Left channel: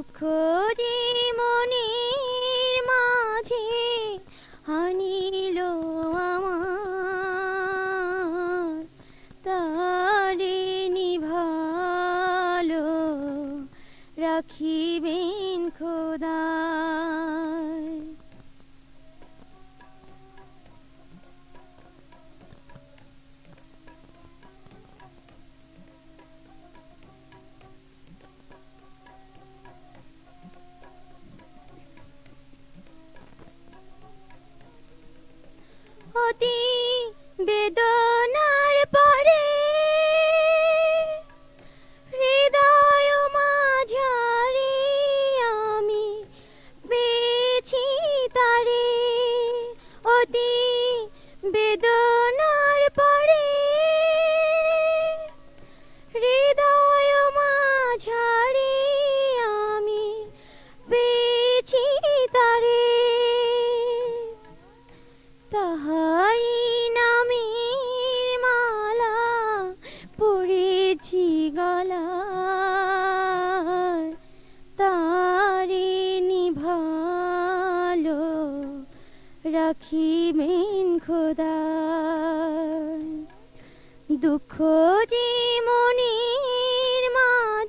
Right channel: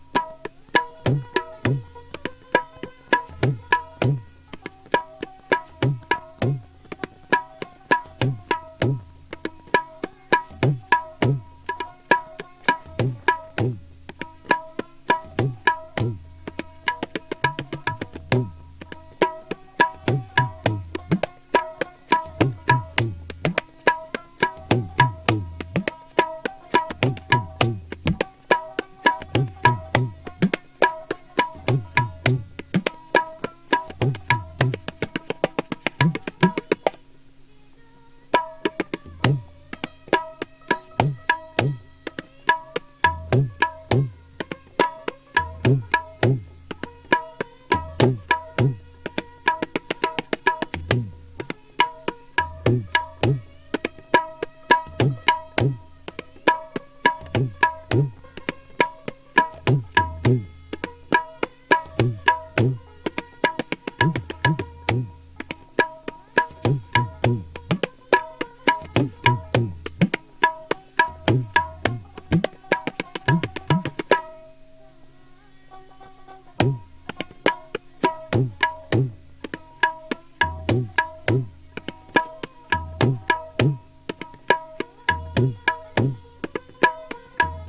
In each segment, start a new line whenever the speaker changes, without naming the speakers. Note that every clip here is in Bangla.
দুঃখ do.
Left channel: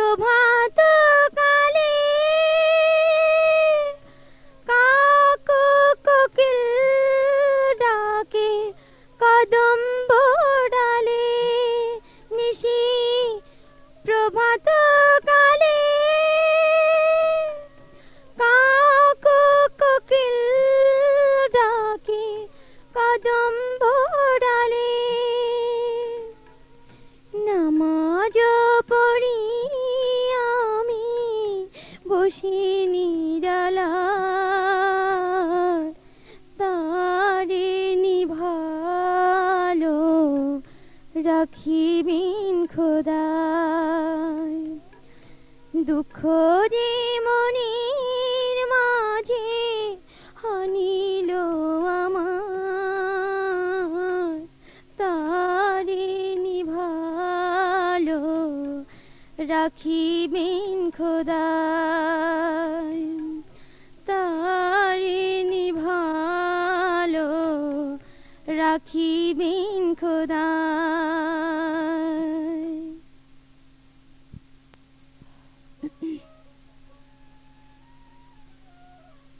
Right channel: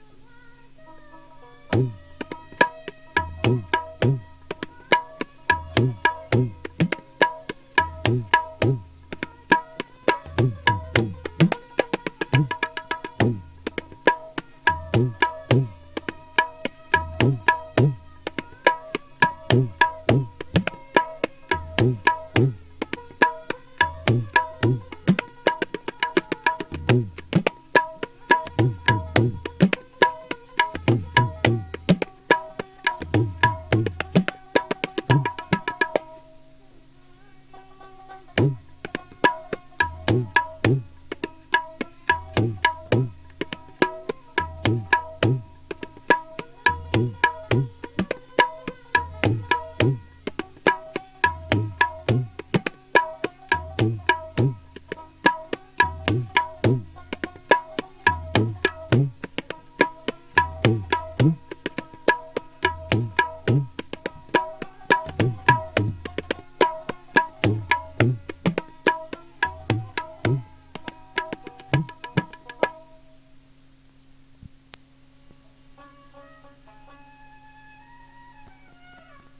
প্রভাত রাখিবেন খোদা দুঃখ যে মনির মাঝে হনিল আমার। তারে নিভালো রাখিবেন খোদা